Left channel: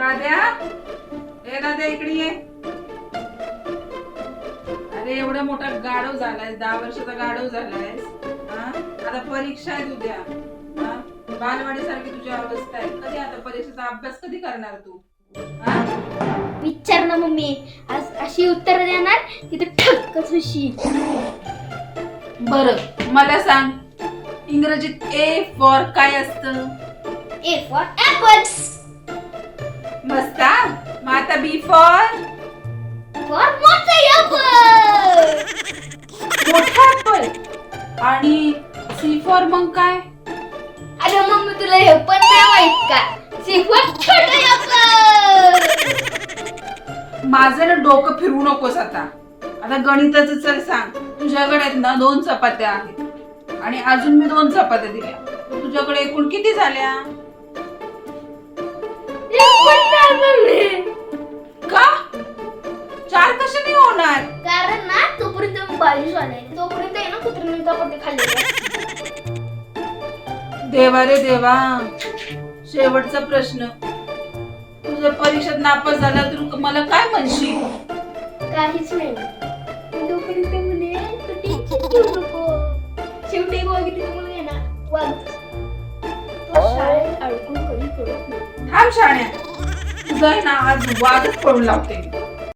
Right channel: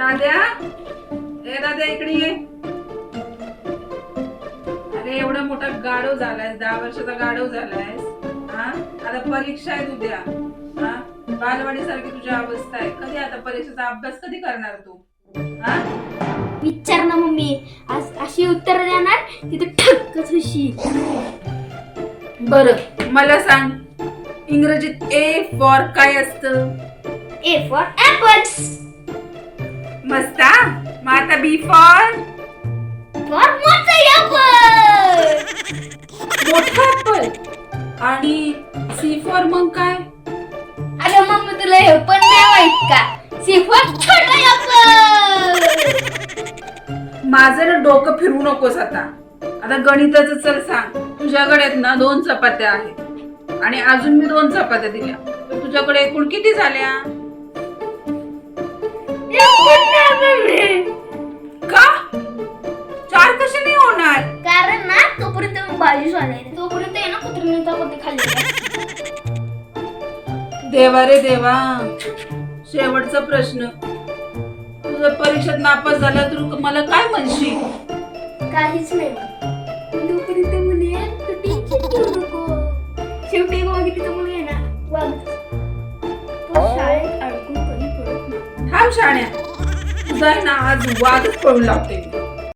दाद्या, ए दाद्या इकडे ये. अरे एवढा मोठा गाढव झालाय, 10 वर्षाचा गाढव झालाय. आता परीक्षा आहे उद्या. बालवाडी सारखी तुझी अवस्था आहे. कधी आता परीक्षेचा अभ्यास कधी करणार तू? विचार ना मम्मी, आज अशी उत्तर देणार की तू ठक्कच होशील. बरं मला सांग, इंग्रजीत ए फॉर काय असतं? A for apple. मस्त. मग आता बी फॉर? फॉर मोठा ऍपल. मोठा ऍपल. आणि सी फॉर मग काय? अरे मम्मी तुला हे पण नाही माहित का? सी फॉर छोटा ऍपल. माझं ना डोकं फिरवू नकोस आता. आता गणिताचं चल सांग. तुझ्याकडे आहेत ना 2 चपात्या आहेत आणि अजून मी 2 चपात्या दिल्या, तर तुझ्याकडे एकूण किती झाल्या? का 4 कसे नाही होणार? कारण ना तोपर्यंत भाजी सोडायला, तोपर्यंत आहे ना कुत्र्याने चपाती खाल्ली. देवा रे देवा. शेवटचा प्रश्न, तू जर परीक्षेत नापास झाला तर मला काय म्हणशील? काहीच नाही. तोपर्यंत म्हणे तू टेन्शन घेऊ नको. शेवटी बघितली तर मुलगी ना वाग तो शाळेत अडकून कधी पडत नाही. थांब शाण्या, तुझं आहे ना आज वादच पडून लावते मी.